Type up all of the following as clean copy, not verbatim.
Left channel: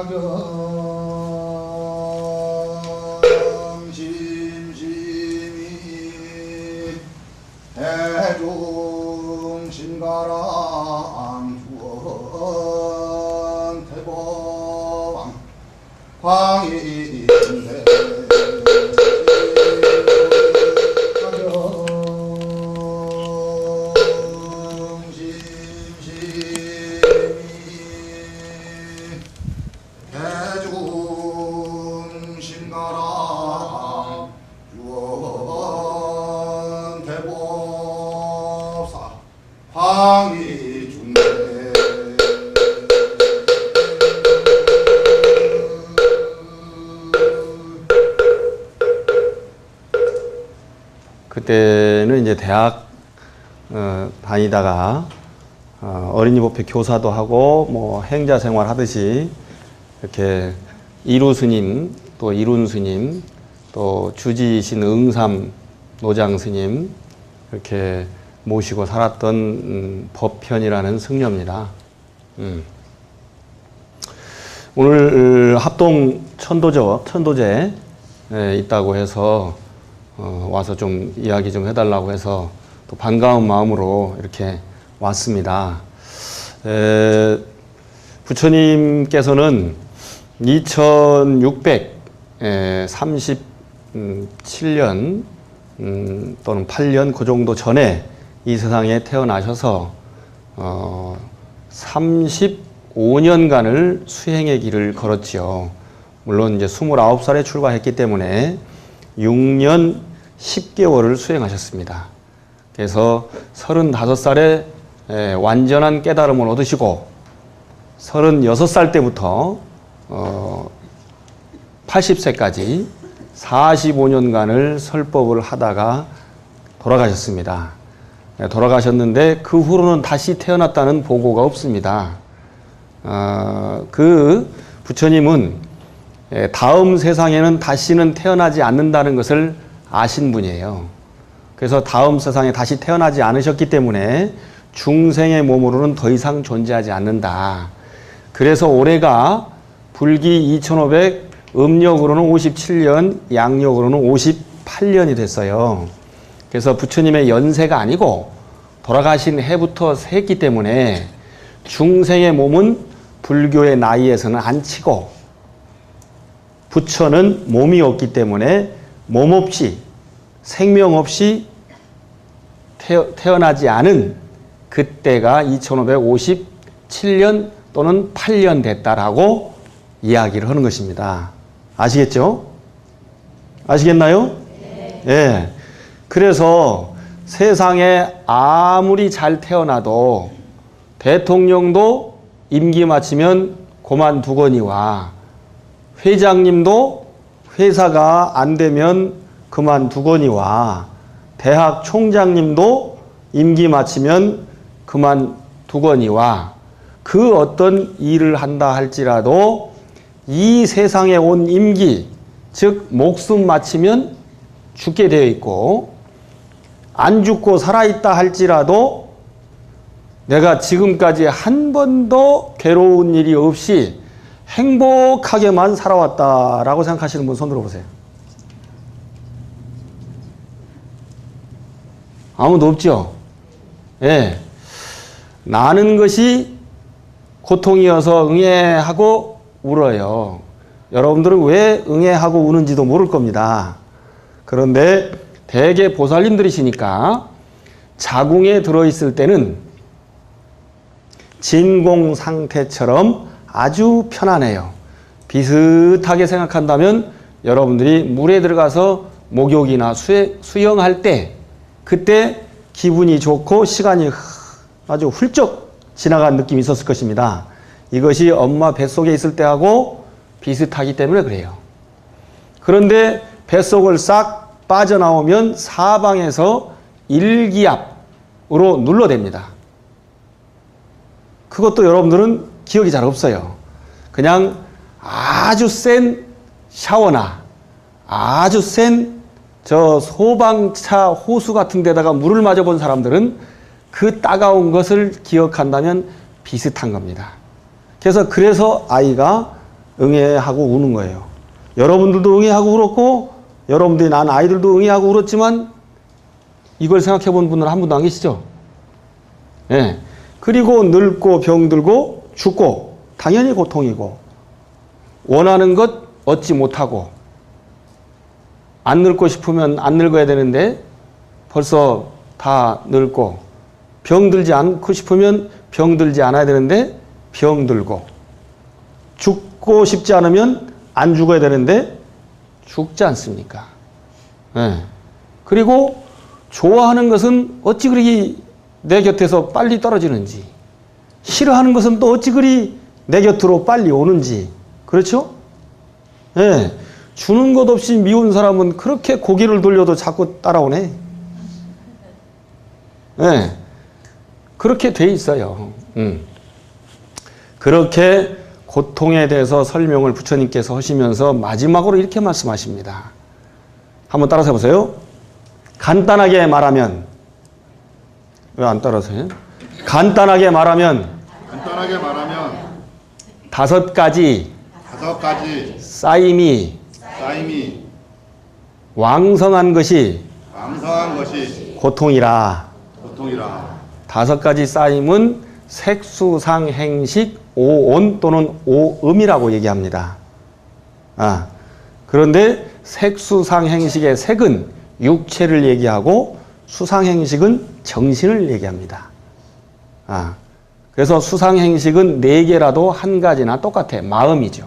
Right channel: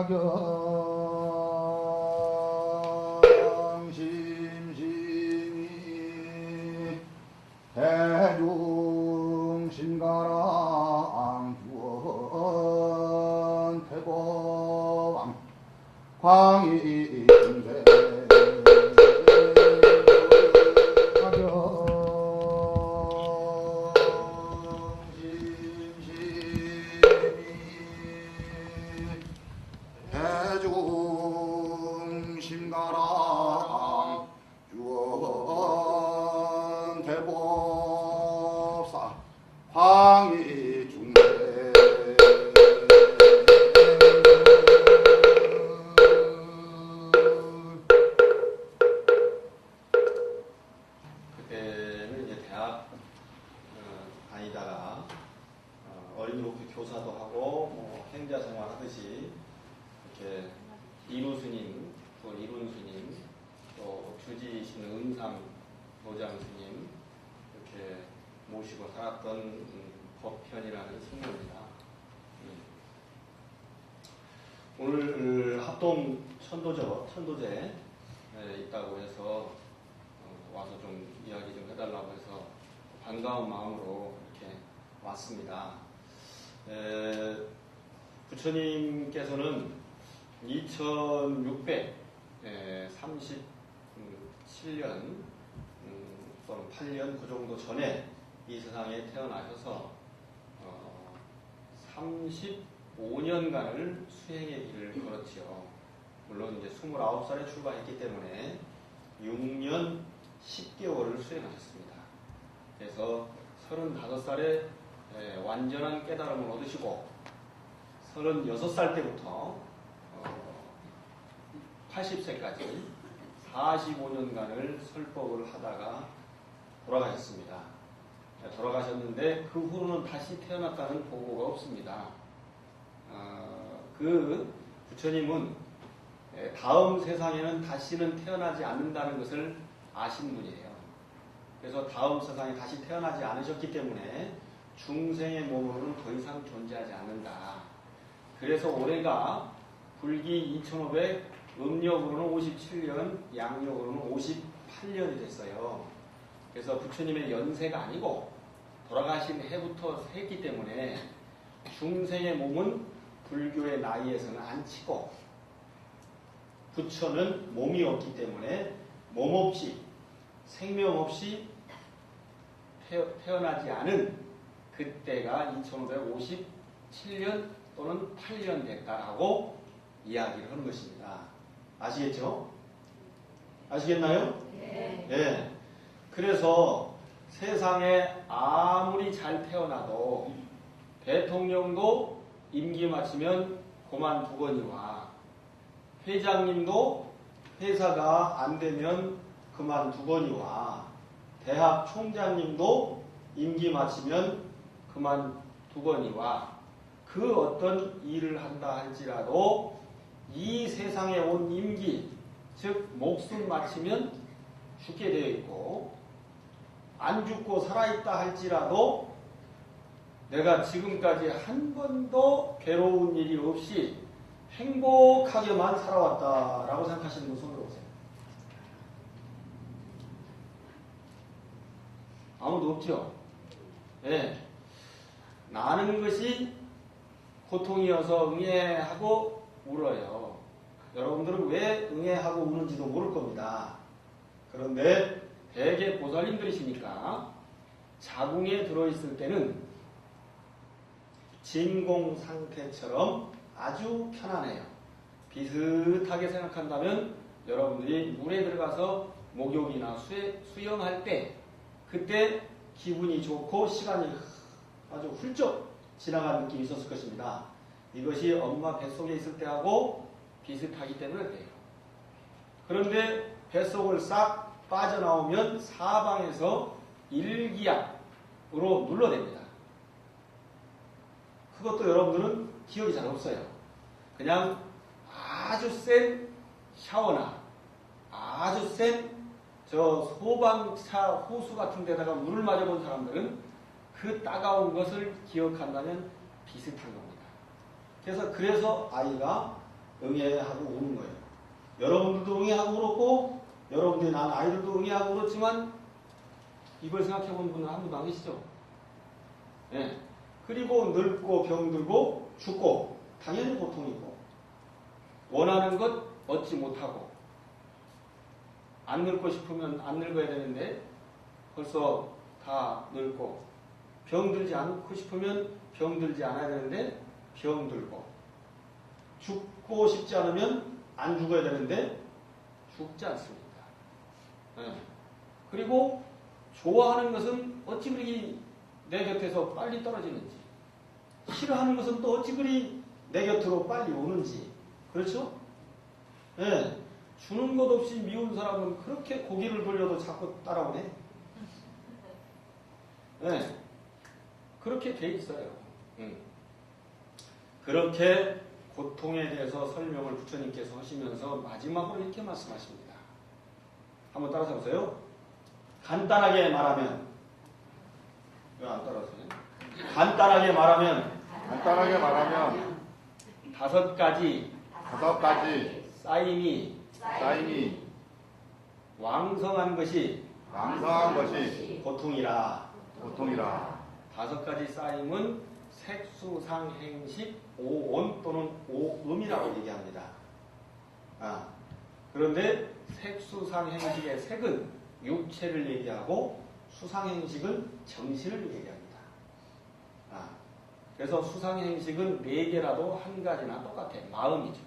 가경심심이 대중신가랑 주원 태보왕 광이인대 대중신가랑 주원 대보사 황이중대 그때는 이제 대학 다니다가 어린이 법회 교사도 하고 뭐 행자 생활 하듯이 이렇게 이루 스님, 또 이룬 스님, 또 주지신 응삼 노장 스님 이렇게 모시고 살았던 법편이라는 승려입니다. 오늘 합동 천도제 있다고 해서 와서 좀 이야기 좀 해달라고 해서 또 반가운 마음으로 이렇게 왔습니다. 부처님께서는 2637년 또는 8년 그 정도 전에 이 세상에 태어나셔서 35년간을 수행의 길을 걸었지요. 물론 이제 29살에 출가했기 때문에 6년 10개월을 수행하셨습니다. 그래서 35살에 완전한 깨달음을 얻으시고 36살 때부터 80세까지 45년간을 설법을 하다가 돌아가셨습니다. 돌아가셨는데 그 후로는 다시 태어났다는 보고가 없습니다. 그 부처님은 다음 세상에는 다시는 태어나지 않는다는 것을 아신 분이에요. 그래서 다음 세상에 다시 태어나지 않으셨기 때문에 중생의 몸으로는 더 이상 존재하지 않는다. 그래서 올해가 불기 2500, 음력으로는 57년, 양력으로는 58년이 됐어요. 그래서 부처님의 연세가 아니고 돌아가신 해부터 셌기 때문에 중생의 몸은 불교의 나이에서는 안 치고 부처는 몸이 없기 때문에 몸 없이 생명 없이 태어나지 않은 그때가 2557년 또는 8년 됐다라고 이야기를 하는 것입니다. 아시겠죠? 아시겠나요? 네. 네. 그래서 세상에 아무리 잘 태어나도 대통령도 임기 마치면 그만두거니와 회장님도 회사가 안 되면 그만두거니와 대학 총장님도 임기 마치면 그만두거니와 그 어떤 일을 한다 할지라도 이 세상에 온 임기, 즉 목숨 마치면 죽게 되어 있고 안 죽고 살아있다 할지라도 내가 지금까지 한 번도 괴로운 일이 없이 행복하게만 살아왔다라고 생각하시는 분 손 들어보세요. 아무도 없죠? 예. 나는 것이 고통이어서 응애하고 울어요. 여러분들은 왜 응애하고 우는지도 모를 겁니다. 그런데 대개 보살님들이시니까 자궁에 들어있을 때는 진공 상태처럼 아주 편안해요. 비슷하게 생각한다면 여러분들이 물에 들어가서 목욕이나 수영할 때 그때 기분이 좋고 시간이 아주 훌쩍 지나간 느낌이 있었을 것입니다. 이것이 엄마 뱃속에 있을 때하고 비슷하기 때문에 그래요. 그런데 뱃속을 싹 빠져나오면 사방에서 일기압으로 눌러댑니다. 그것도 여러분들은 기억이 잘 없어요. 그냥 아주 센 샤워나 아주 센 저 소방차 호수 같은 데다가 물을 맞아본 사람들은 그 따가운 것을 기억한다면 비슷한 겁니다. 그래서 아이가 응애하고 우는 거예요. 여러분들도 응애하고 울었고 여러분들이 난 아이들도 응애하고 울었지만 이걸 생각해 본 분은 한 분도 안 계시죠? 예. 그리고 늙고 병들고 죽고 당연히 고통이고 원하는 것 얻지 못하고 안 늙고 싶으면 안 늙어야 되는데 벌써 다 늙고 병들지 않고 싶으면 병들지 않아야 되는데 병들고 죽고 싶지 않으면 안 죽어야 되는데 죽지 않습니까? 예. 그리고 좋아하는 것은 어찌 그리 내 곁에서 빨리 떨어지는지 싫어하는 것은 또 어찌 그리 내 곁으로 빨리 오는지 그렇죠? 예. 주는 것 없이 미운 사람은 그렇게 고개를 돌려도 자꾸 따라오네. 예. 그렇게 돼 있어요. 그렇게 고통에 대해서 설명을 부처님께서 하시면서 마지막으로 이렇게 말씀하십니다. 한번 따라서 해보세요. 간단하게 말하면 왜 안 따라서요? 간단하게 말하면 다섯 가지 쌓임이 왕성한 것이 고통이라. 다섯 가지 쌓임은 색수상행식 오온 또는 오음이라고 얘기합니다. 그런데 색수상행식의 색은 육체를 얘기하고 수상행식은 정신을 얘기합니다. 그래서 수상행식은 네 개라도 한 가지나 똑같아. 마음이죠.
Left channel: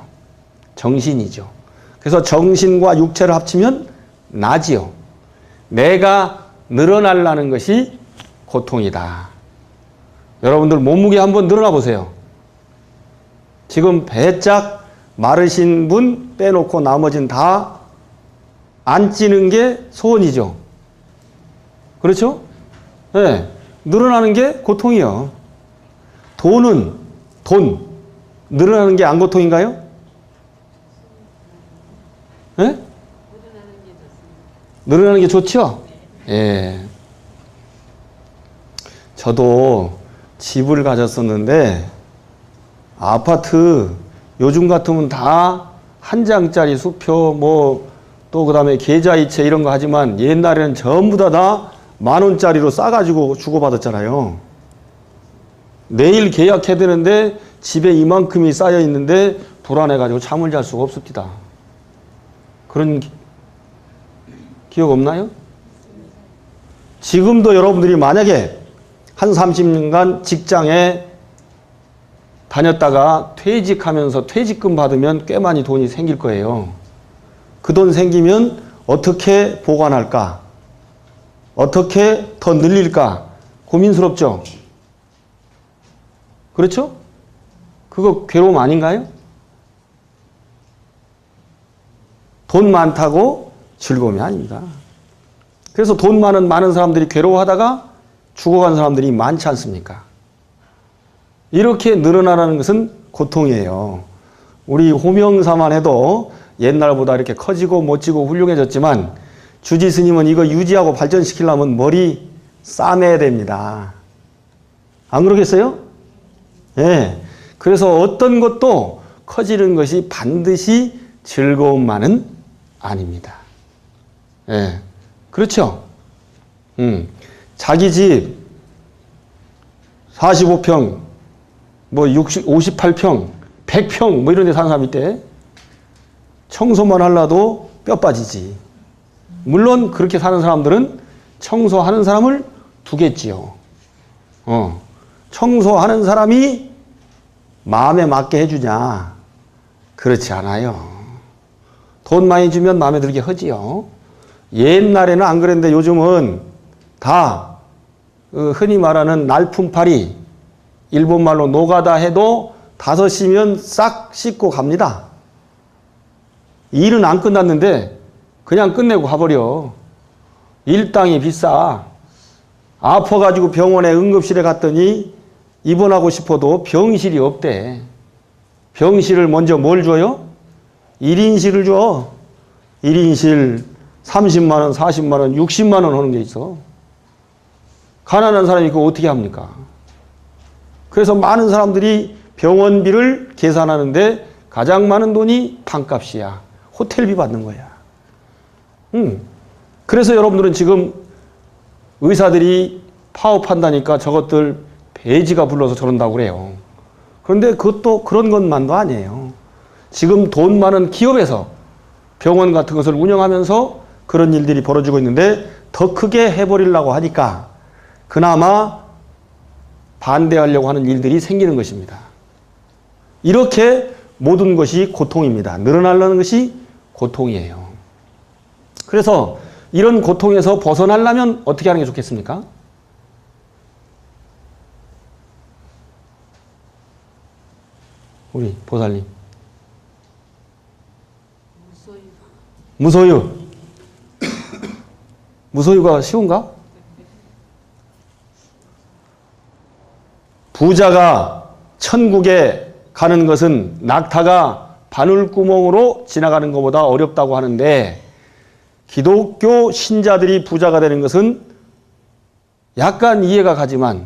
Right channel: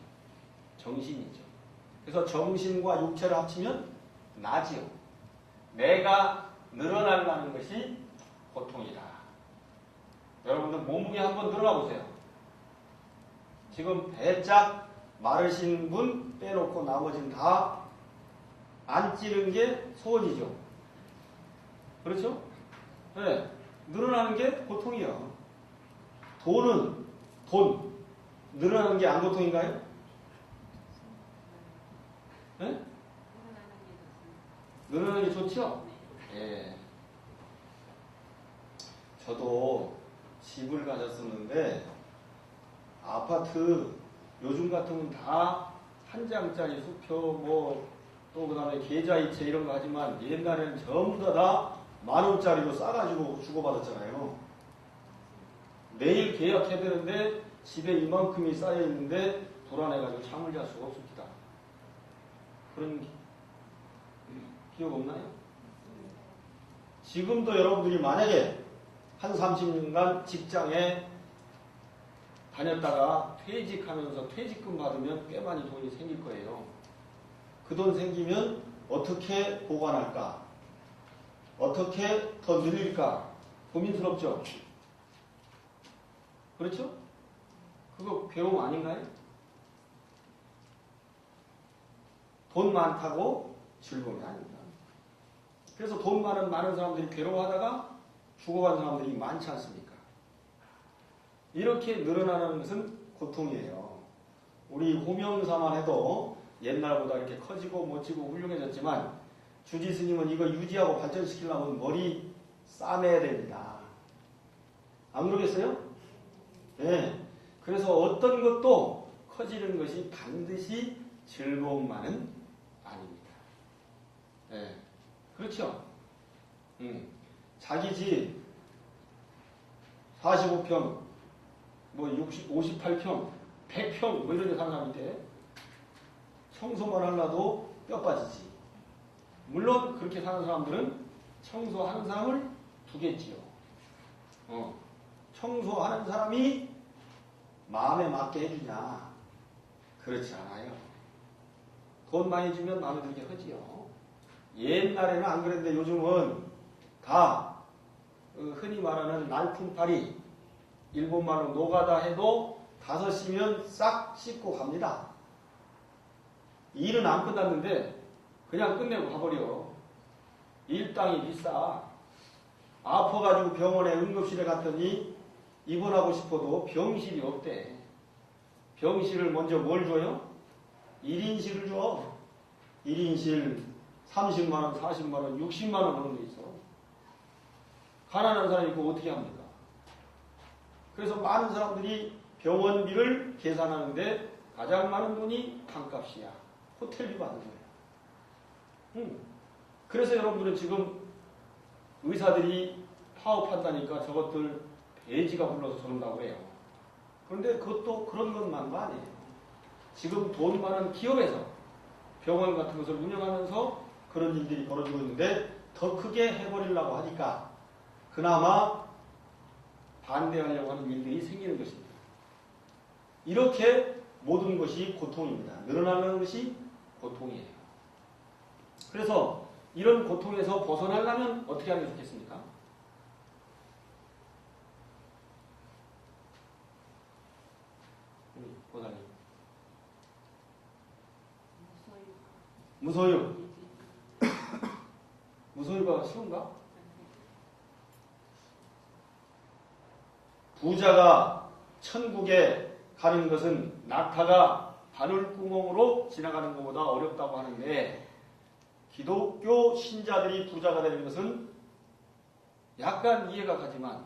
정신이죠. 그래서 정신과 육체를 합치면 나지요. 내가 늘어나려는 것이 고통이다. 여러분들 몸무게 한번 늘어나 보세요. 지금 배짝 마르신 분 빼놓고 나머지는 다 안 찌는 게 소원이죠. 그렇죠? 네. 늘어나는 게 고통이요. 돈 늘어나는 게 안 고통인가요? 네? 늘어나는 게 좋죠? 예. 저도 집을 가졌었는데 아파트 요즘 같으면 다 한 장짜리 수표 또 그다음에 계좌이체 이런 거 하지만 옛날에는 전부 다 10,000원짜리로 싸가지고 주고받았잖아요. 내일 계약해야 되는데 집에 이만큼이 쌓여 있는데 불안해가지고 잠을 잘 수가 없습니다. 그런 기억 없나요? 지금도 여러분들이 만약에 한 30년간 직장에 다녔다가 퇴직하면서 퇴직금 받으면 꽤 많이 돈이 생길 거예요. 그 돈 생기면 어떻게 보관할까? 어떻게 더 늘릴까? 고민스럽죠? 그렇죠? 그거 괴로움 아닌가요? 돈 많다고 즐거움이 아닙니다. 그래서 돈 많은 사람들이 괴로워하다가 죽어간 사람들이 많지 않습니까? 이렇게 늘어나라는 것은 고통이에요. 우리 호명사만 해도 옛날보다 이렇게 커지고 멋지고 훌륭해졌지만 주지 스님은 이거 유지하고 발전시키려면 머리 싸매야 됩니다. 안 그러겠어요? 예. 그래서 어떤 것도 커지는 것이 반드시 즐거움만은 아닙니다. 예. 그렇죠? 자기 집 45평, 58평, 100평 이런 데 사는 사람 있대. 청소만 하려도 뼈 빠지지. 물론 그렇게 사는 사람들은 청소하는 사람을 두겠지요. 청소하는 사람이 마음에 맞게 해주냐? 그렇지 않아요. 돈 많이 주면 마음에 들게 하지요. 옛날에는 안 그랬는데 요즘은 다 흔히 말하는 날품팔이, 일본말로 노가다 해도 5시면 싹 씻고 갑니다. 일은 안 끝났는데 그냥 끝내고 가버려. 일당이 비싸. 아파가지고 병원에 응급실에 갔더니 입원하고 싶어도 병실이 없대. 병실을 먼저 뭘 줘요? 1인실을 줘. 1인실 30만원, 40만원, 60만원 하는 게 있어. 가난한 사람이 그거 어떻게 합니까? 그래서 많은 사람들이 병원비를 계산하는데 가장 많은 돈이 방값이야. 호텔비 받는 거야. 그래서 여러분들은 지금 의사들이 파업한다니까 저것들 배지가 불러서 저런다고 그래요. 그런데 그것도 그런 것만도 아니에요. 지금 돈 많은 기업에서 병원 같은 것을 운영하면서 그런 일들이 벌어지고 있는데 더 크게 해버리려고 하니까 그나마 반대하려고 하는 일들이 생기는 것입니다. 이렇게 모든 것이 고통입니다. 늘어나려는 것이 고통이에요. 그래서 이런 고통에서 벗어나려면 어떻게 하는 게 좋겠습니까? 우리 보살님. 무소유. 무소유가 쉬운가? 부자가 천국에 가는 것은 낙타가 바늘구멍으로 지나가는 것보다 어렵다고 하는데 기독교 신자들이 부자가 되는 것은 약간 이해가 가지만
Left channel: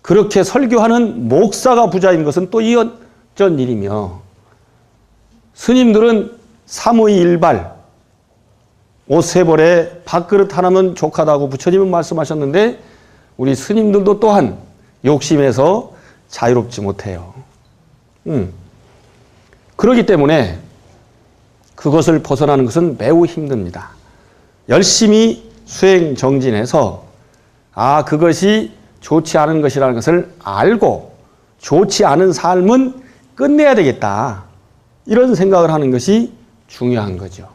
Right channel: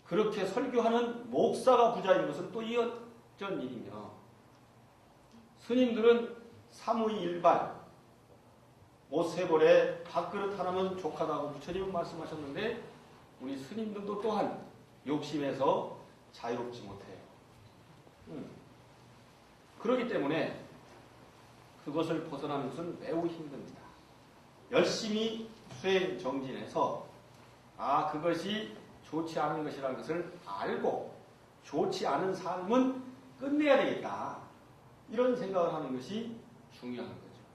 그렇게 설교하는 목사가 부자인 것은 또 이어전 일이며 스님들은 삼의일발 옷 세 벌에 밥그릇 하나면 족하다고 부처님은 말씀하셨는데 우리 스님들도 또한 욕심에서 자유롭지 못해요. 그렇기 때문에 그것을 벗어나는 것은 매우 힘듭니다. 열심히 수행 정진해서 그것이 좋지 않은 것이라는 것을 알고 좋지 않은 삶은 끝내야 되겠다. 이런 생각을 하는 것이 중요한 거죠.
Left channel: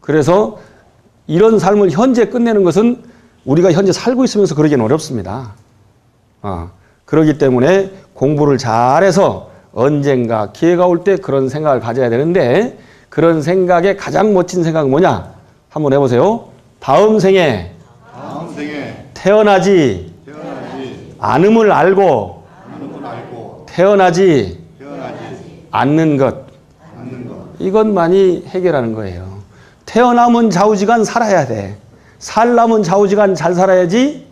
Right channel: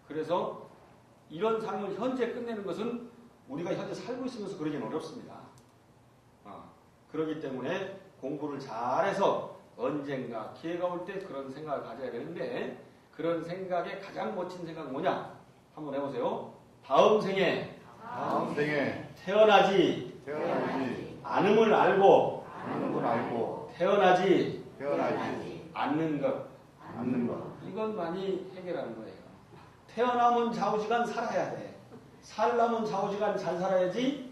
그래서 이런 삶을 현재 끝내는 것은 우리가 현재 살고 있으면서 그러기는 어렵습니다. 그렇기 때문에 공부를 잘해서 언젠가 기회가 올 때 그런 생각을 가져야 되는데 그런 생각의 가장 멋진 생각은 뭐냐? 한번 해보세요. 다음 생에 태어나지 않음을 알고 태어나지 않는 것. 이것만이 해결하는 거예요. 태어나면 좌우지간 살아야 돼. 살려면 좌우지간 잘 살아야지.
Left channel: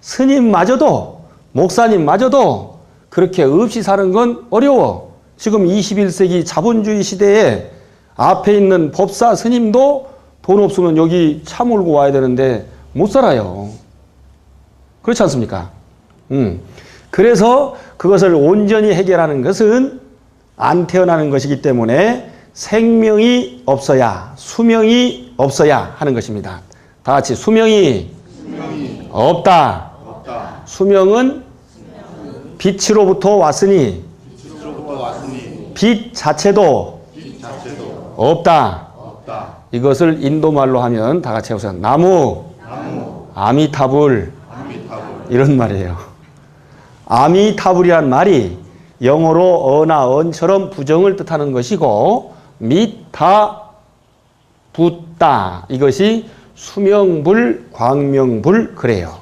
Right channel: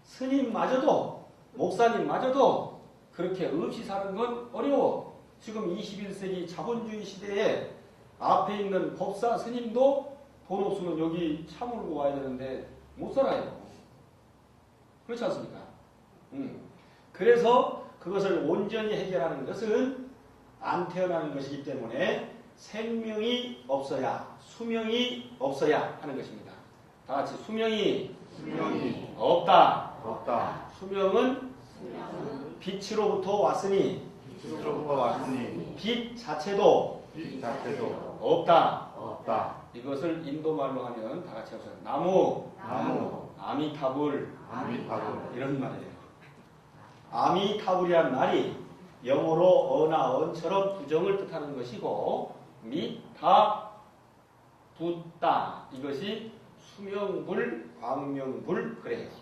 스님마저도 목사님마저도 그렇게 없이 사는 건 어려워. 지금 21세기 자본주의 시대에 앞에 있는 법사 스님도 돈 없으면 여기 차 몰고 와야 되는데 못 살아요. 그렇지 않습니까? 그래서 그것을 온전히 해결하는 것은 안 태어나는 것이기 때문에 생명이 없어야 수명이 없어야 하는 것입니다. 다 같이 수명이 없다. 수명은 빛으로부터 왔으니 빛 자체도 없다. 이것을 인도말로 하면 다 같이 해보세요. 나무 아미타불 이런 말이에요. 아미타불이란 말이 영어로 어나 언처럼 부정을 뜻하는 것이고 미타 붓다 이것이 수명불 광명불 그래요.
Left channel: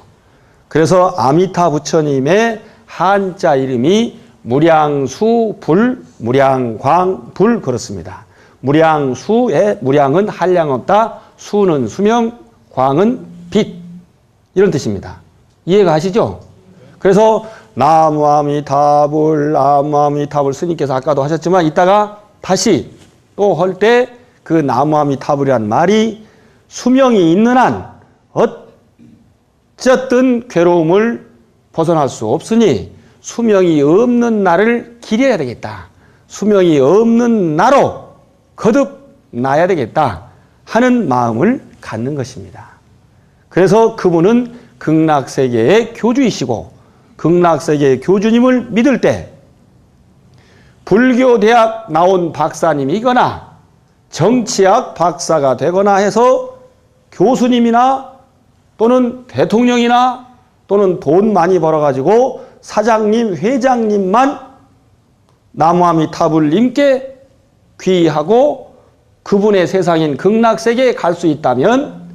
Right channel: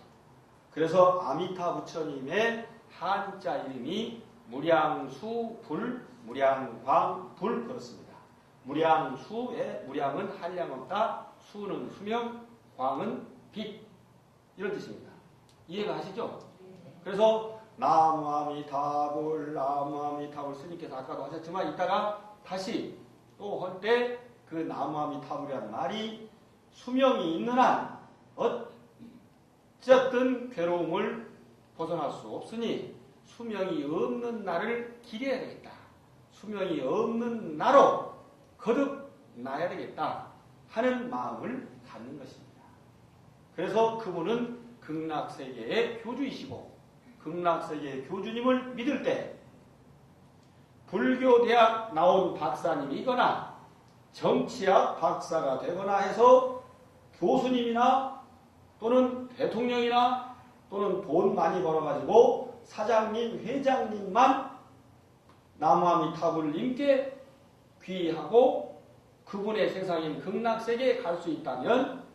그래서 아미타 부처님의 한자 이름이 무량수불 무량광불 그렇습니다. 무량수의 무량은 한량없다, 수는 수명, 광은 빛 이런 뜻입니다. 이해가 가시죠? 그래서 나무아미타불 나무아미타불 스님께서 아까도 하셨지만 이따가 다시 또 할 때 그 나무아미타불이란 말이 수명이 있는 한 어쨌든 괴로움을 벗어날 수 없으니 수명이 없는 날을 기려야 되겠다. 수명이 없는 나로 거듭 나야 되겠다 하는 마음을 갖는 것입니다. 그래서 그분은 극락세계의 교주이시고 극락세계의 교주님을 믿을 때 불교대학 나온 박사님이거나 정치학 박사가 되거나 해서 교수님이나 또는 대통령이나 또는 돈 많이 벌어가지고 사장님, 회장님만 나무아미타불님께 귀의하고 그분의 세상인 극락세계에 갈 수 있다면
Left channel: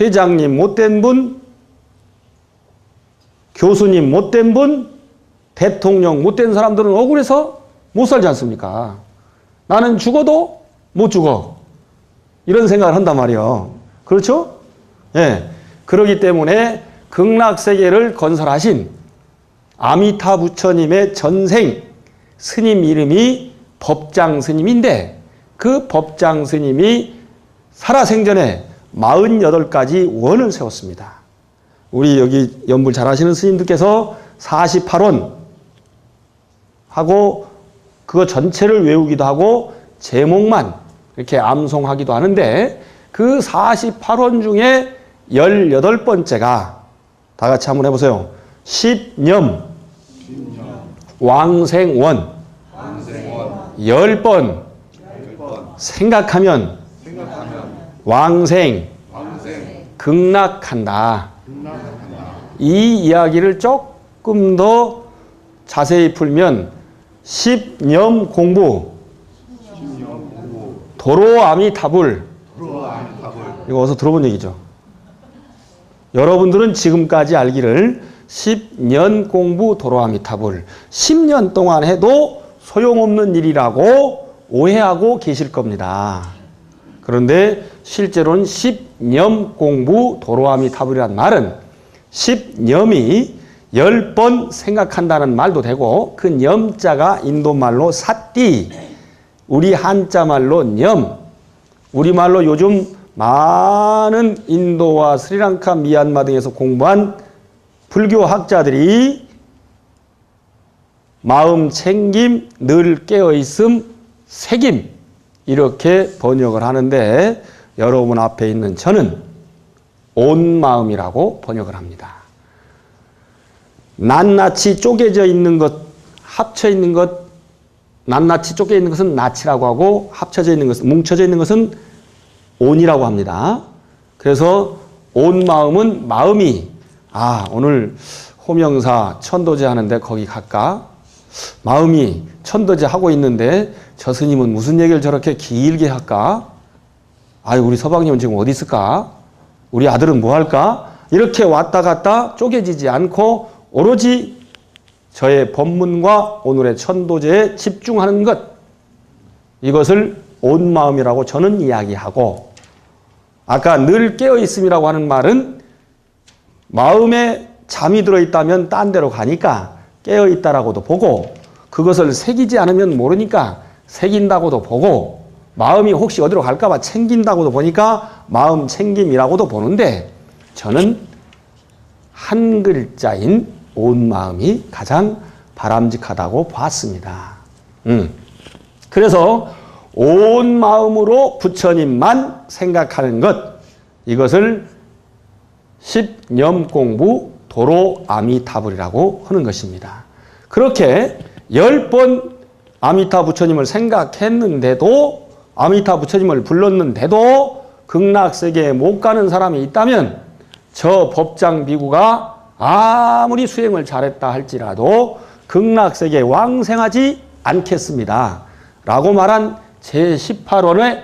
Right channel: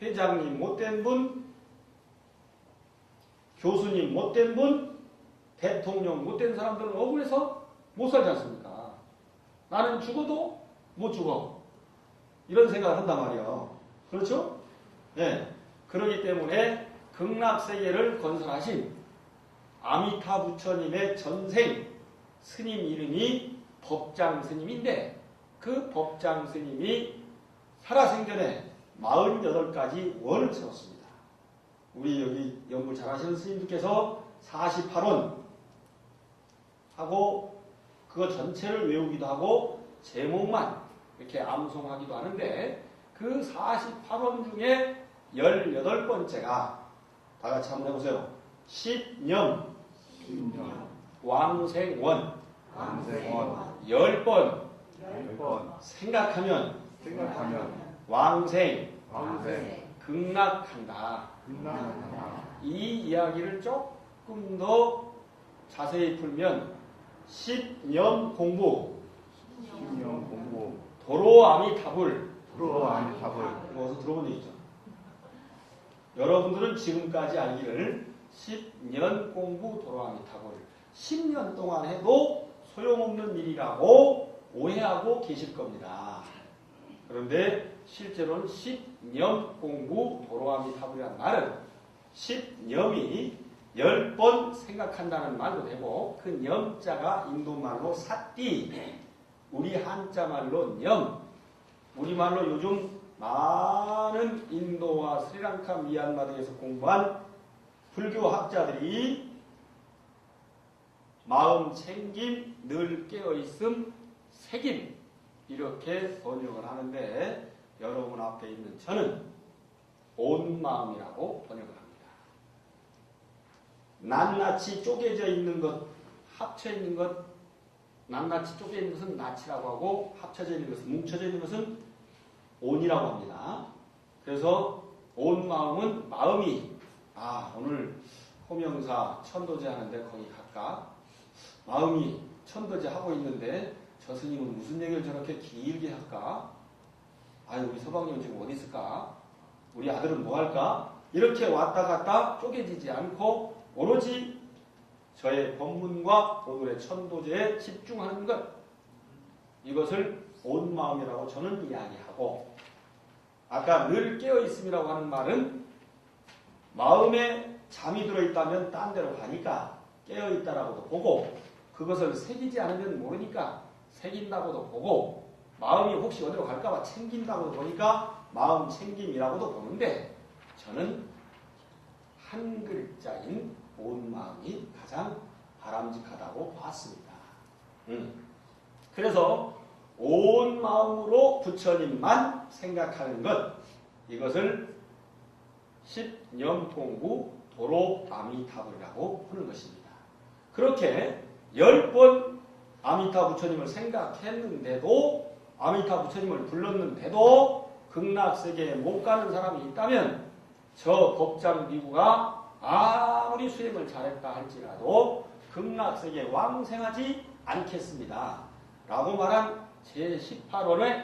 회장님 못된 분, 교수님 못된 분, 대통령 못된 사람들은 억울해서 못 살지 않습니까? 나는 죽어도 못 죽어. 이런 생각을 한단 말이에요. 그렇죠? 예. 그렇기 때문에 극락세계를 건설하신 아미타 부처님의 전생 스님 이름이 법장 스님인데 그 법장 스님이 살아생전에 48가지 원을 세웠습니다. 우리 여기 연불 잘 하시는 스님들께서 48원 하고 그거 전체를 외우기도 하고 제목만 이렇게 암송하기도 하는데 그 48원 중에 18번째가 다 같이 한번 해보세요. 십념, 왕생원, 10번 생각하면 왕생, 극락한다. 이 이야기를 조금 더 자세히 풀면 십념 공부, 도로아미타불, 이거 어디서 들어본 얘기죠. 여러분들은 지금까지 알기를 10년 공부 도로아미타불 10년 동안 해도 소용없는 일이라고 오해하고 계실 겁니다. 그런데 실제로는 10년 공부 도로아미타불이란 말은 10념이 10번 생각한다는 말도 되고 그 념자가 인도말로 사띠, 우리 한자말로 념, 우리말로 요즘 많은 인도와 스리랑카, 미얀마 등에서 공부한 불교 학자들이 마음 챙김, 늘 깨어있음, 새김 이렇게 번역을 하는데 여러분 앞에 있는 저는 온 마음이라고 번역을 합니다. 낱낱이 쪼개져 있는 것, 합쳐 있는 것, 낱낱이 쪼개 있는 것은 낱이라고 하고 합쳐져 있는 것은, 뭉쳐져 있는 것은 온이라고 합니다. 그래서 온 마음은 마음이 오늘 호명사 천도제 하는데 거기 갈까? 마음이 천도제 하고 있는데 저 스님은 무슨 얘기를 저렇게 길게 할까? 우리 서방님은 지금 어디 있을까? 우리 아들은 뭐 할까? 이렇게 왔다 갔다 쪼개지지 않고 오로지 저의 법문과 오늘의 천도제에 집중하는 것, 이것을 온 마음이라고 저는 이야기하고, 아까 늘 깨어있음이라고 하는 말은 마음에 잠이 들어있다면 딴 데로 가니까 깨어있다라고도 보고, 그것을 새기지 않으면 모르니까 새긴다고도 보고, 마음이 혹시 어디로 갈까봐 챙긴다고도 보니까 마음 챙김이라고도 보는데, 저는 한 글자인 온 마음이 가장 바람직하다고 봤습니다. 그래서 온 마음으로 부처님만 생각하는 것, 이것을 십념 공부 도로 아미타불이라고 하는 것입니다. 그렇게 10번 아미타 부처님을 생각했는데도, 아미타 부처님을 불렀는데도 극락세계에 못 가는 사람이 있다면 저 법장 비구가 아무리 수행을 잘했다 할지라도 극락세계에 왕생하지 않겠습니다. 라고 말한 제18원의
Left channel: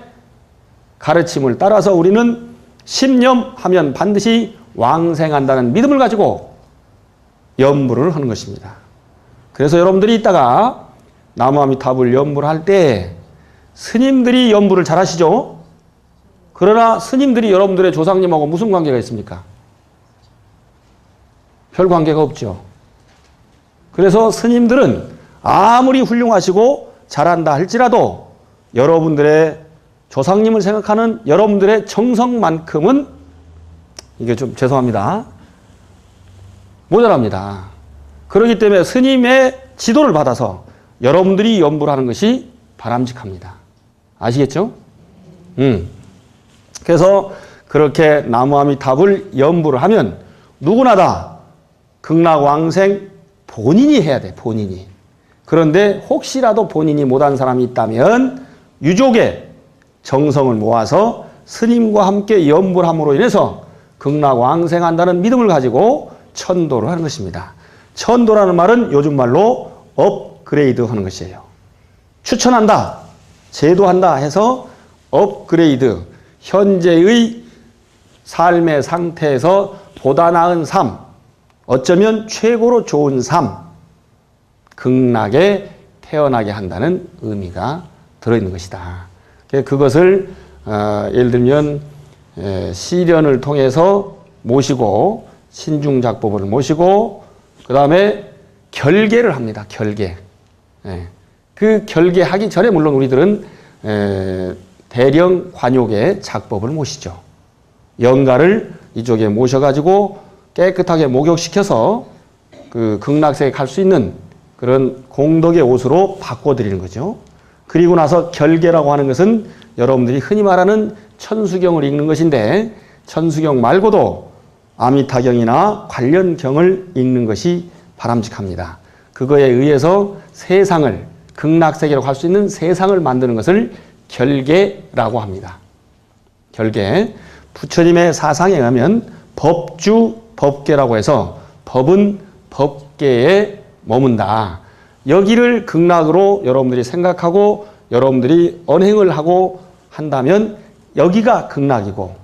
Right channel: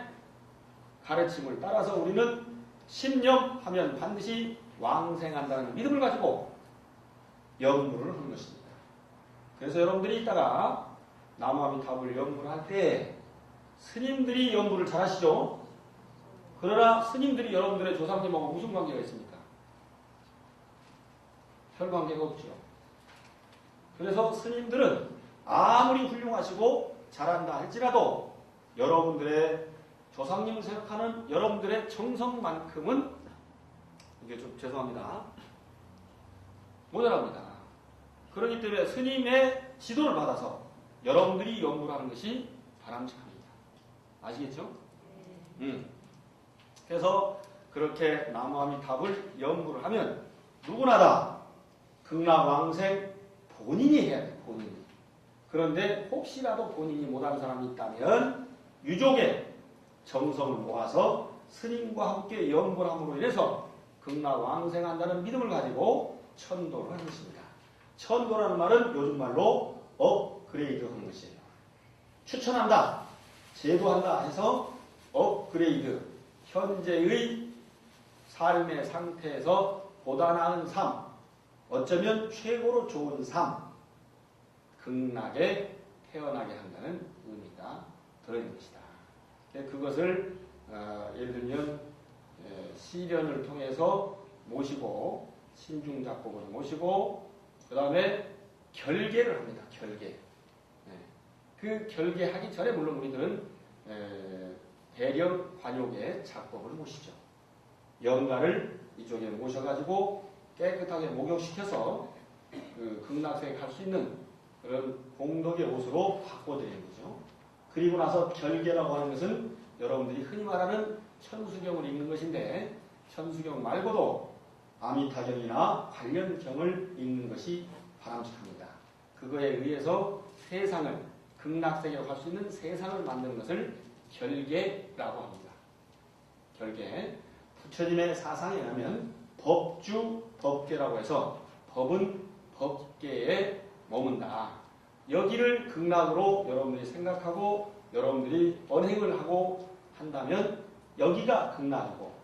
가르침을 따라서 우리는 십념하면 반드시 왕생한다는 믿음을 가지고 연불을 하는 것입니다. 그래서 여러분들이 이따가 나무아미타불 연불을 할 때 스님들이 연불을 잘 하시죠? 그러나 스님들이 여러분들의 조상님하고 무슨 관계가 있습니까? 별 관계가 없죠. 그래서 스님들은 아무리 훌륭하시고 잘한다 할지라도 여러분들의 조상님을 생각하는 여러분들의 정성만큼은, 이게 좀 죄송합니다, 모자랍니다. 그렇기 때문에 스님의 지도를 받아서 여러분들이 연불을 하는 것이 바람직합니다. 아시겠죠? 그래서 그렇게 나무아미타불 연불을 하면 누구나 다 극락왕생 본인이 해야 돼, 본인이. 그런데 혹시라도 본인이 못한 사람이 있다면 유족의 정성을 모아서 스님과 함께 연불함으로 인해서 극락왕생한다는 믿음을 가지고 천도를 하는 것입니다. 천도라는 말은 요즘 말로 업그레이드 하는 것이에요. 추천한다, 제도한다 해서 업그레이드, 현재의 삶의 상태에서 보다 나은 삶, 어쩌면 최고로 좋은 삶, 극락에 태어나게 한다는 의미가 들어있는 것이다. 그것을 예를 들면 시련을 통해서 모시고, 신중작법을 모시고, 그 다음에 결계를 합니다. 결계. 그 결계하기 전에 물론 우리들은 대령 관욕의 작법을 모시죠. 영가를 이쪽에 모셔가지고 깨끗하게 목욕시켜서 그 극락세에 갈 수 있는 그런 공덕의 옷으로 바꿔드리는 거죠. 그리고 나서 결계라고 하는 것은 여러분들이 흔히 말하는 천수경을 읽는 것인데 천수경 말고도 아미타경이나 관련 경을 읽는 것이 바람직합니다. 그거에 의해서 세상을 극락세계로 갈 수 있는 세상을 만드는 것을 결계라고 합니다. 결계. 부처님의 사상에 의하면 법주 법계라고 해서 법은 법계에 머문다. 여기를 극락으로 여러분들이 생각하고 여러분들이 언행을 하고 한다면 여기가 극락이고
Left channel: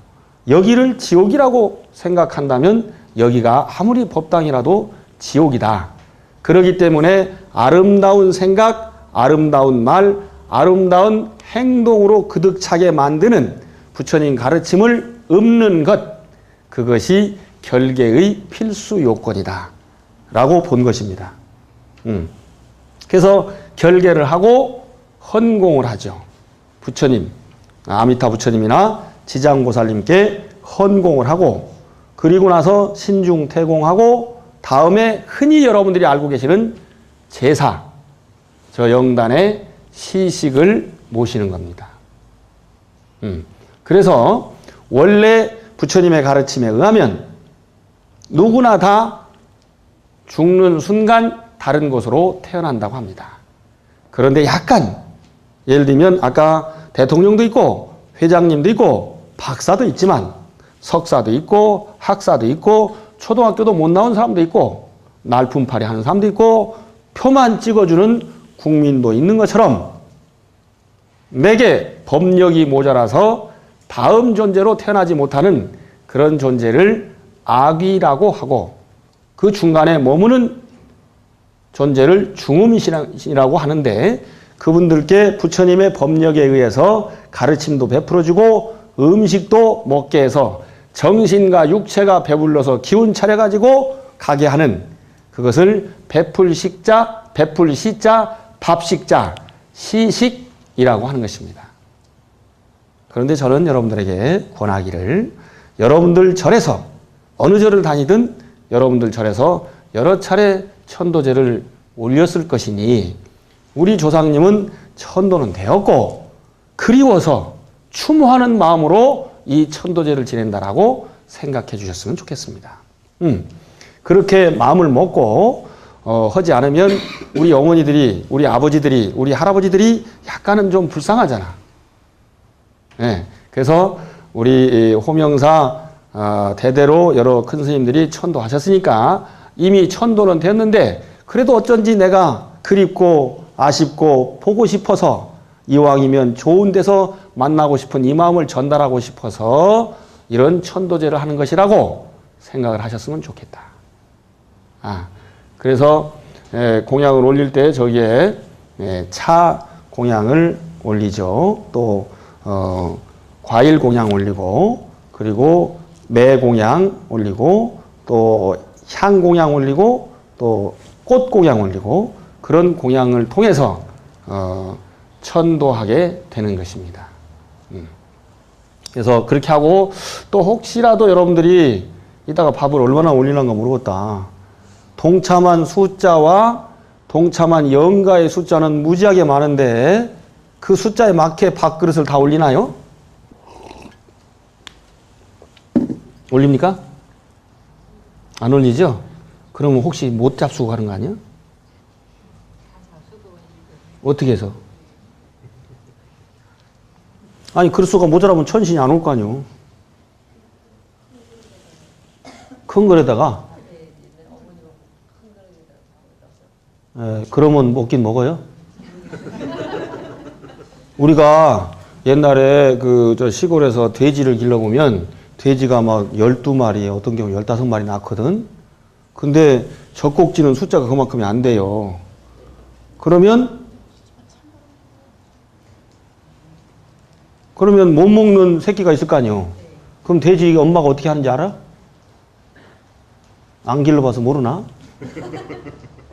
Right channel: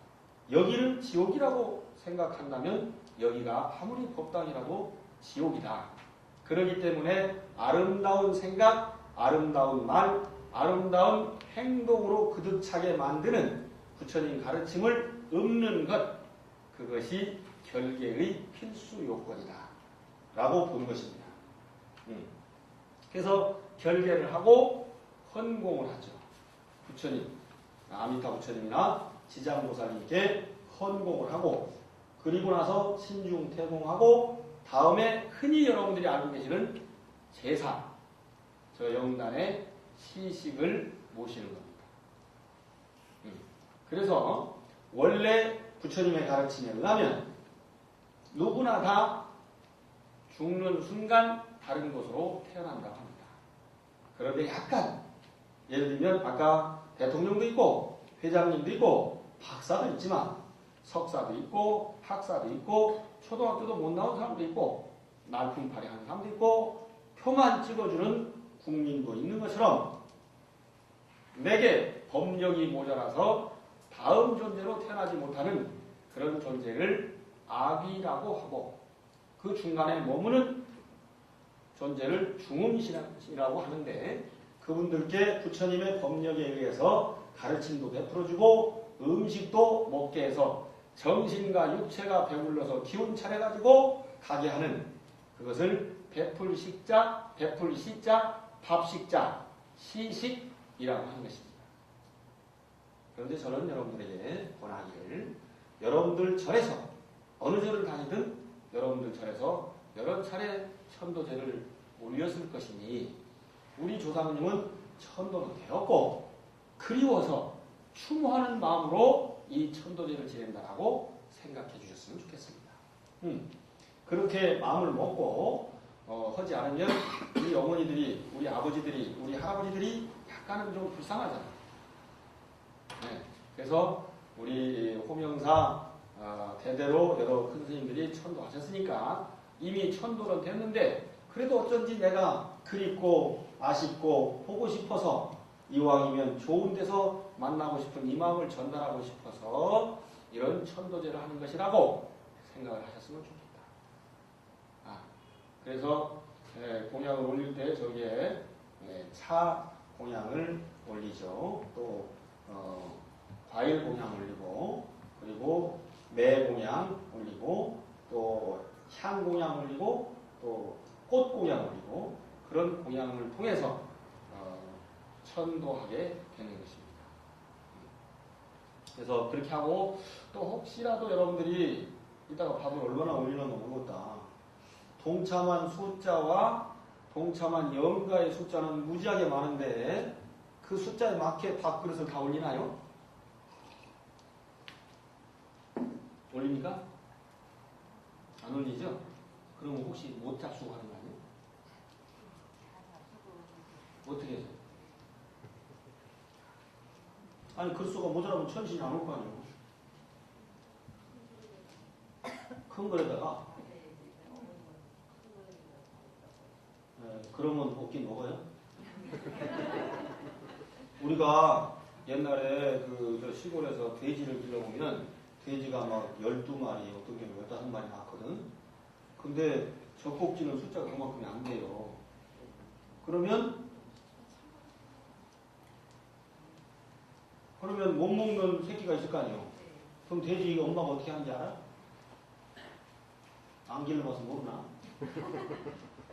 여기를 지옥이라고 생각한다면 여기가 아무리 법당이라도 지옥이다. 그렇기 때문에 아름다운 생각, 아름다운 말, 아름다운 행동으로 그득차게 만드는 부처님 가르침을 읊는 것, 그것이 결계의 필수 요건이다 라고 본 것입니다. 그래서 결계를 하고 헌공을 하죠. 부처님, 아미타 부처님이나 지장보살님께 헌공을 하고 그리고 나서 신중퇴공하고 다음에 흔히 여러분들이 알고 계시는 제사, 저 영단의 시식을 모시는 겁니다. 그래서 원래 부처님의 가르침에 의하면 누구나 다 죽는 순간 다른 곳으로 태어난다고 합니다. 그런데 약간 예를 들면 아까 대통령도 있고 회장님도 있고 박사도 있지만 석사도 있고 학사도 있고 초등학교도 못 나온 사람도 있고 날품팔이 하는 사람도 있고 표만 찍어주는 국민도 있는 것처럼 내게 법력이 모자라서 다음 존재로 태어나지 못하는 그런 존재를 악귀라고 하고 그 중간에 머무는 존재를 중음이라고 하는데 그분들께 부처님의 법력에 의해서 가르침도 베풀어주고 음식도 먹게 해서 정신과 육체가 배불러서 기운 차려가지고 가게 하는 그것을 베풀식자, 베풀시자, 밥식자, 시식이라고 하는 것입니다. 그런데 저는 여러분들에게 권하기를 여러분들 절에서 어느 절을 다니든 여러분들 절에서 여러 차례 천도제를 올렸을 것이니 우리 조상님은 천도는 되었고 그리워서 추모하는 마음으로 이 천도제를 지낸다라고 생각해 주셨으면 좋겠습니다. 그렇게 마음을 먹고 하지 않으면 우리 어머니들이, 우리 아버지들이, 우리 할아버지들이 약간은 좀 불쌍하잖아. 네, 그래서 우리 호명사 대대로 여러 큰 스님들이 천도하셨으니까 이미 천도는 됐는데 그래도 어쩐지 내가 그립고 아쉽고 보고 싶어서 이왕이면 좋은 데서 만나고 싶은 이 마음을 전달하고 싶어서 이런 천도제를 하는 것이라고 생각을 하셨으면 좋겠다. 그래서 공양을 올릴 때 저기에 차 공양을 올리죠. 또 과일 공양 올리고 그리고 매 공양 올리고 또 향 공양 올리고 또 꽃 공양 올리고 그런 공양을 통해서 천도하게 되는 것입니다. 그래서 그렇게 하고 또 혹시라도 여러분들이 이따가 밥을 얼마나 올리는가 모르겠다. 동참한 숫자와 동참한 영가의 숫자는 무지하게 많은데 그 숫자에 맞게 밥그릇을 다 올리나요? 올립니까? 안 올리죠? 그러면 혹시 못 잡수고 가는 거 아니야? 어떻게 해서? 아니 그릇수가 모자라면 천신이 안 올 거 아니요. 큰 그릇에다가 그러면 먹긴 먹어요. 우리가 옛날에 저 시골에서 돼지를 길러보면 돼지가 막 12마리, 어떤 경우 15마리 낳거든. 근데 젖꼭지는 숫자가 그만큼이 안 돼요. 그러면 못 먹는 새끼가 있을 거 아니요. 그럼 돼지 엄마가 어떻게 하는지 알아? 안 길러봐서 모르나?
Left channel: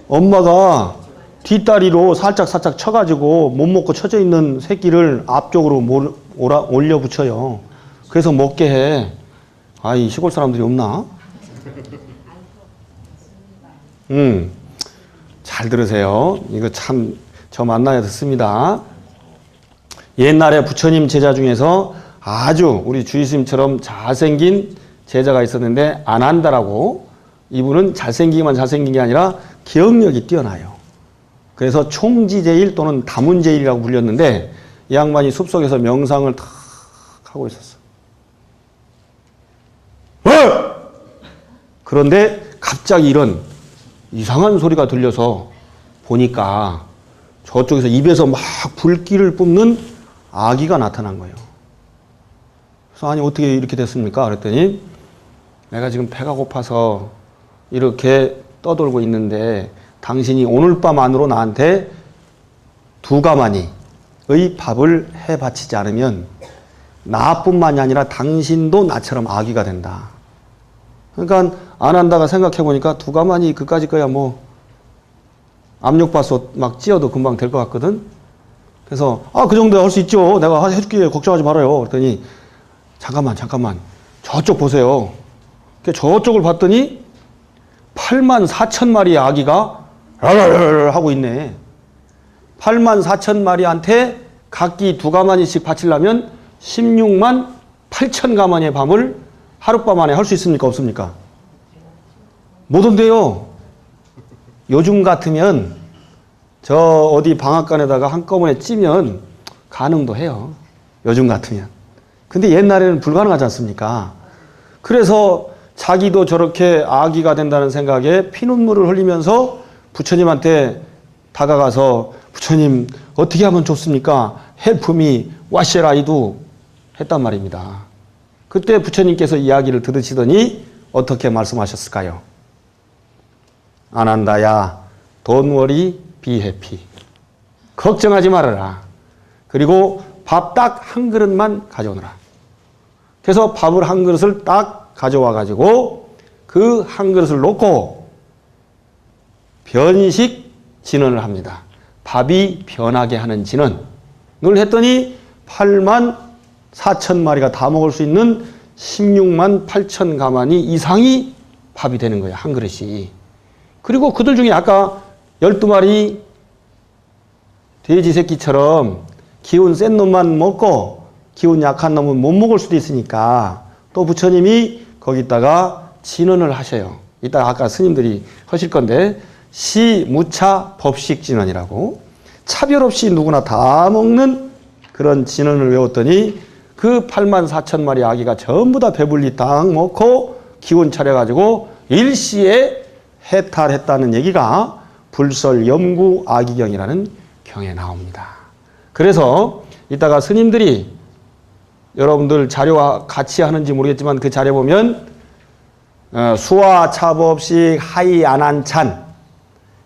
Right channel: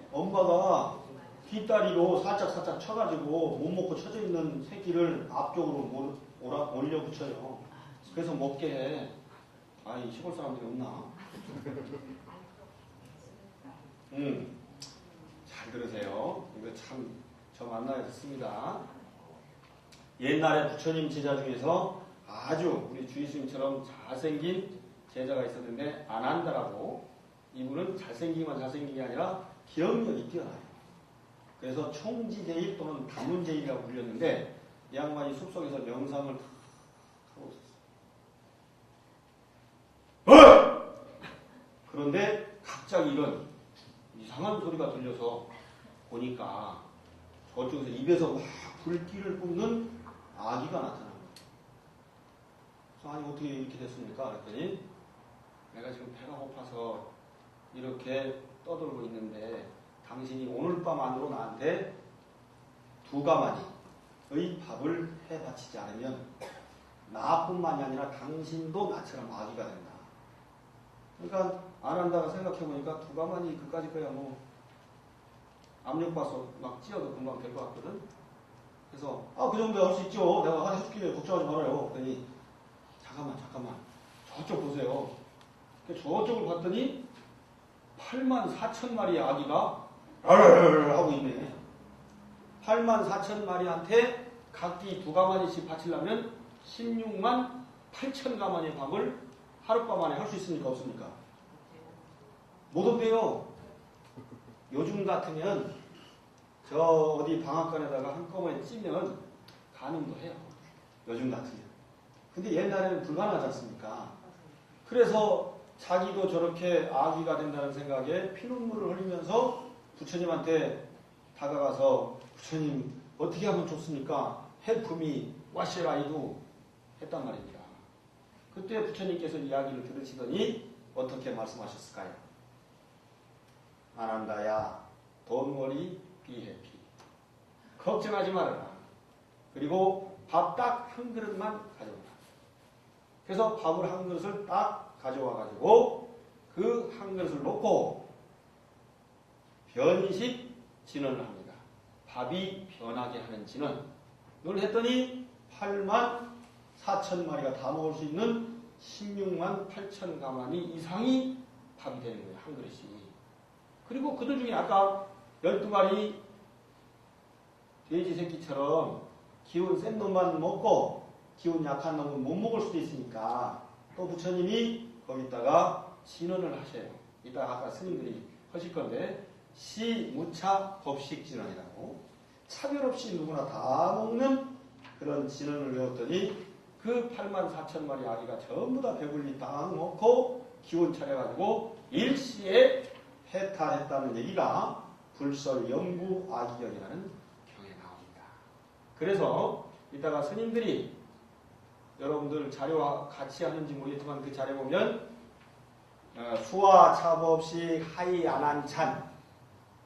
엄마가 뒷다리로 살짝 쳐가지고 못 먹고 쳐져 있는 새끼를 앞쪽으로 올려 붙여요. 그래서 먹게 해. 아이, 시골 사람들이 없나? 잘 들으세요. 이거 참 저 만나야 듣습니다. 옛날에 부처님 제자 중에서 아주 우리 주의스님처럼 잘생긴 제자가 있었는데 안한다라고. 이분은 잘생기기만 잘생긴 게 아니라 기억력이 뛰어나요. 그래서 총지제일 또는 다문제일이라고 불렸는데 이 양반이 숲속에서 명상을 탁 하고 있었어. 그런데 갑자기 이런 이상한 소리가 들려서 보니까 저쪽에서 입에서 막 불길을 뿜는 아기가 나타난 거예요. 그래서 아니 어떻게 이렇게 됐습니까? 그랬더니 내가 지금 배가 고파서 이렇게 떠돌고 있는데 당신이 오늘 밤 안으로 나한테 2가마니의 밥을 해 바치지 않으면 나뿐만이 아니라 당신도 나처럼 아기가 된다. 그러니까 안한다가 생각해 보니까 2가마니 그까짓 거야 뭐 압력밥솥 막 찧어도 금방 될 것 같거든. 그래서 그 정도 할 수 있죠. 내가 해줄게 걱정하지 말아요. 그랬더니 잠깐만 저쪽 보세요. 저쪽을 봤더니 84,000마리의 아기가 하고 있네. 84,000마리한테 각기 2가마니씩 바치려면 16만 8,000가마니의 밤을 하룻밤 안에 할 수 있습니까? 없습니까? 못 온대요. 요즘 같으면 저 어디 방앗간에다가 한꺼번에 찌면 가능도 해요. 요즘 같으면. 근데 옛날에는 불가능하지 않습니까? 그래서 자기도 저렇게 아기가 된다는 생각에 피눈물을 흘리면서 부처님한테 다가가서 부처님 어떻게 하면 좋습니까? Help me, what shall I do? 했단 말입니다. 그때 부처님께서 이야기를 들으시더니 어떻게 말씀하셨을까요? 안한다야, don't worry, be happy. 걱정하지 말아라. 그리고 밥 딱 한 그릇만 가져오너라. 그래서 밥을 한 그릇을 딱 가져와 가지고 그 한 그릇을 놓고 변식 진언을 합니다. 밥이 변하게 하는 진언을 했더니 84,000마리가 다 먹을 수 있는 16만 8천 가마니 이상이 밥이 되는 거예요. 한 그릇이. 그리고 그들 중에 아까 12마리 돼지 새끼처럼 기운 센 놈만 먹고 기운 약한 놈은 못 먹을 수도 있으니까 또 부처님이 거기다가 진언을 하셔요. 이따 아까 스님들이 하실 건데 시무차 법식진언이라고 차별 없이 누구나 다 먹는 그런 진언을 외웠더니 그 84,000마리 아기가 전부 다 배불리 딱 먹고 기운 차려가지고 일시에 해탈했다는 얘기가 불설염구 아기경이라는 경에 나옵니다. 그래서 이따가 스님들이 여러분들 자료와 같이 하는지 모르겠지만 그 자료 보면 수화 차법식 하이 안한찬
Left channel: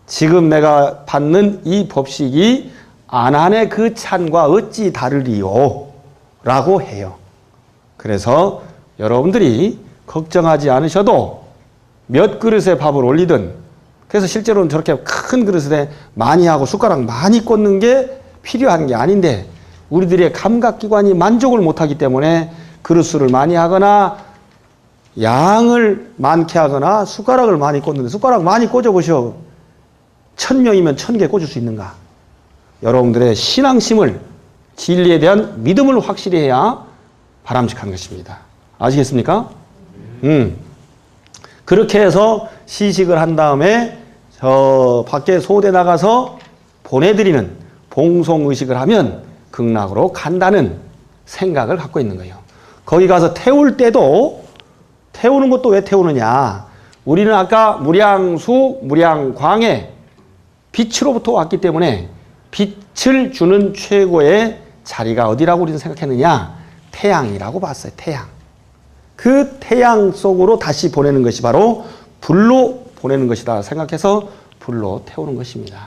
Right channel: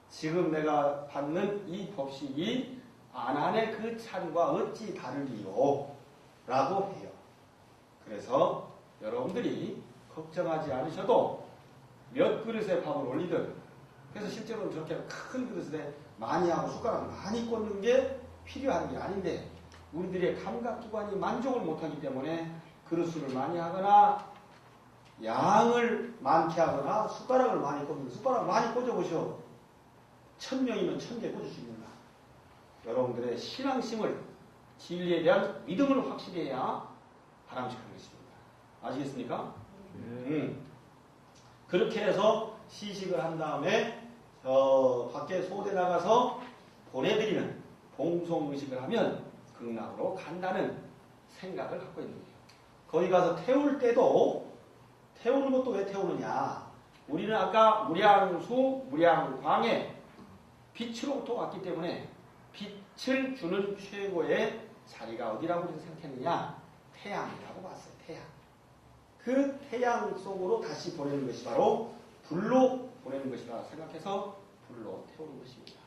지금 내가 받는 이 법식이 안한의 그 찬과 어찌 다르리요? 라고 해요. 그래서 여러분들이 걱정하지 않으셔도 몇 그릇의 밥을 올리든 그래서 실제로는 저렇게 큰 그릇에 많이 하고 숟가락 많이 꽂는 게 필요한 게 아닌데 우리들의 감각기관이 만족을 못하기 때문에 그릇수를 많이 하거나 양을 많게 하거나 숟가락을 많이 꽂는데 숟가락 많이 꽂아보셔. 1000명이면 1000개 꽂을 수 있는가? 여러분들의 신앙심을 진리에 대한 믿음을 확실히 해야 바람직한 것입니다. 아시겠습니까? 그렇게 해서 시식을 한 다음에 저 밖에 소대 나가서 보내드리는 봉송의식을 하면 극락으로 간다는 생각을 갖고 있는 거예요. 거기 가서 태울 때도 태우는 것도 왜 태우느냐? 우리는 아까 무량수, 무량광의 빛으로부터 왔기 때문에 빛을 주는 최고의 자리가 어디라고 우리는 생각했느냐? 태양이라고 봤어요. 태양. 그 태양 속으로 다시 보내는 것이 바로 불로 보내는 것이다 생각해서 불로 태우는 것입니다.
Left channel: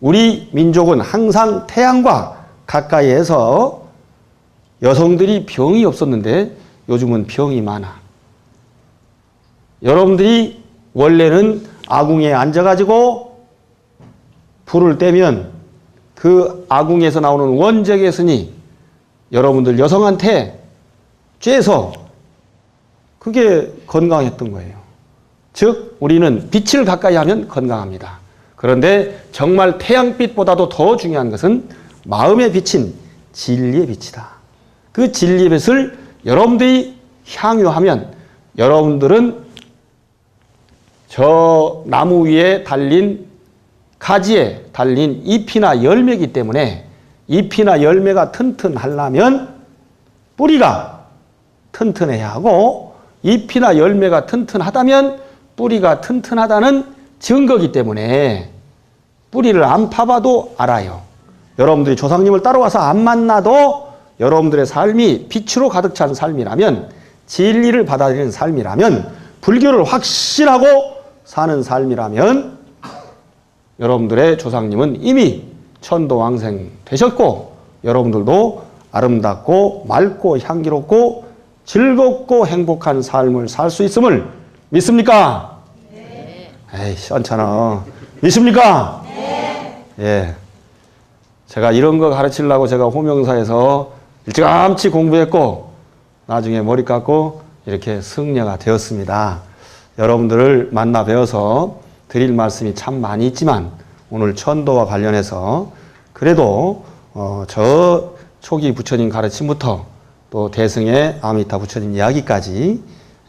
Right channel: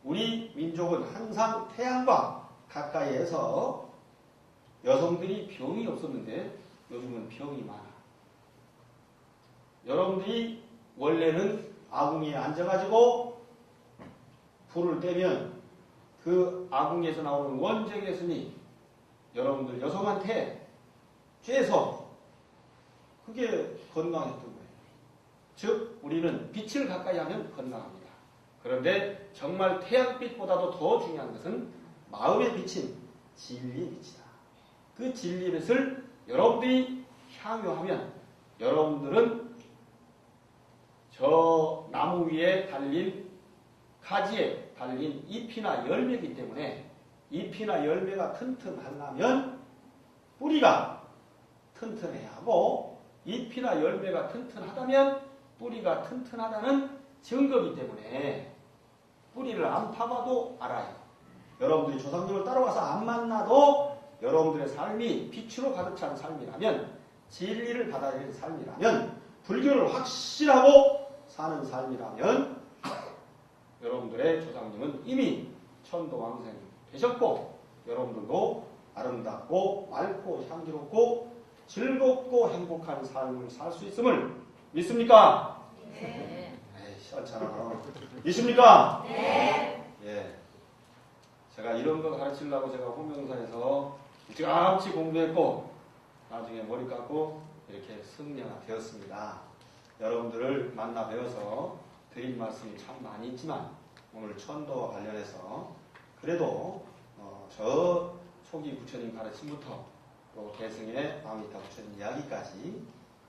우리 민족은 항상 태양과 가까이에서 여성들이 병이 없었는데 요즘은 병이 많아. 여러분들이 원래는 아궁이에 앉아가지고 불을 떼면 그 아궁에서 나오는 원적외선이 여러분들 여성한테 쬐서 그게 건강했던 거예요. 즉 우리는 빛을 가까이 하면 건강합니다. 그런데 정말 태양빛보다도 더 중요한 것은 마음에 비친 진리의 빛이다. 그 진리의 빛을 여러분들이 향유하면 여러분들은 저 나무 위에 달린 가지에 달린 잎이나 열매이기 때문에 잎이나 열매가 튼튼하려면 뿌리가 튼튼해야 하고 잎이나 열매가 튼튼하다면 뿌리가 튼튼하다는 증거이기 때문에 뿌리를 안 파봐도 알아요. 여러분들이 조상님을 따라와서 안 만나도 여러분들의 삶이 빛으로 가득 찬 삶이라면 진리를 받아들이는 삶이라면 불교를 확신하고 사는 삶이라면 여러분들의 조상님은 이미 천도왕생 되셨고 여러분들도 아름답고 맑고 향기롭고 즐겁고 행복한 삶을 살 수 있음을 믿습니까? 네. 에이, 시원찮아. 믿습니까? 네. 예. 제가 이런 거 가르치려고 제가 호명사에서 일찌감치 공부했고 나중에 머리 깎고 이렇게 승려가 되었습니다. 여러분들을 만나 뵈어서 드릴 말씀이 참 많이 있지만 오늘 천도와 관련해서 그래도 저 초기 부처님 가르침부터 또 대승의 아미타 부처님 이야기까지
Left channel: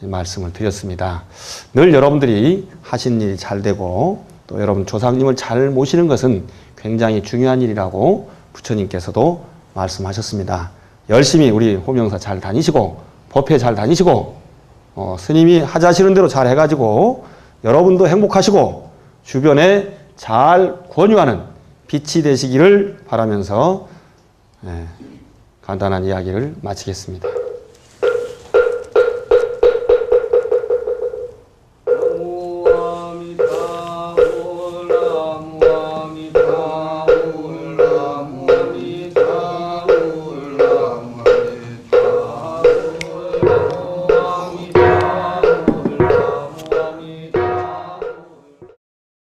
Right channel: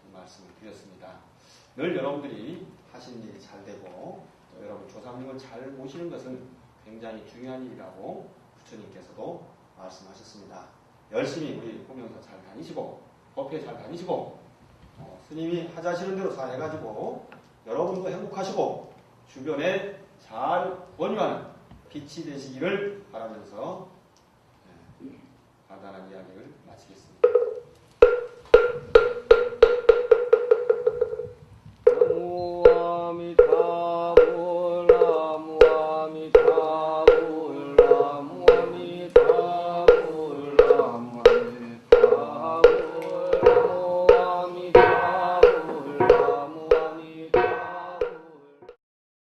말씀을 드렸습니다. 늘 여러분들이 하신 일이 잘 되고 또 여러분 조상님을 잘 모시는 것은 굉장히 중요한 일이라고 부처님께서도 말씀하셨습니다. 열심히 우리 호명사 잘 다니시고 법회 잘 다니시고 스님이 하자시는 대로 잘 해가지고 여러분도 행복하시고 주변에 잘 권유하는 빛이 되시기를 바라면서 간단한 이야기를 마치겠습니다.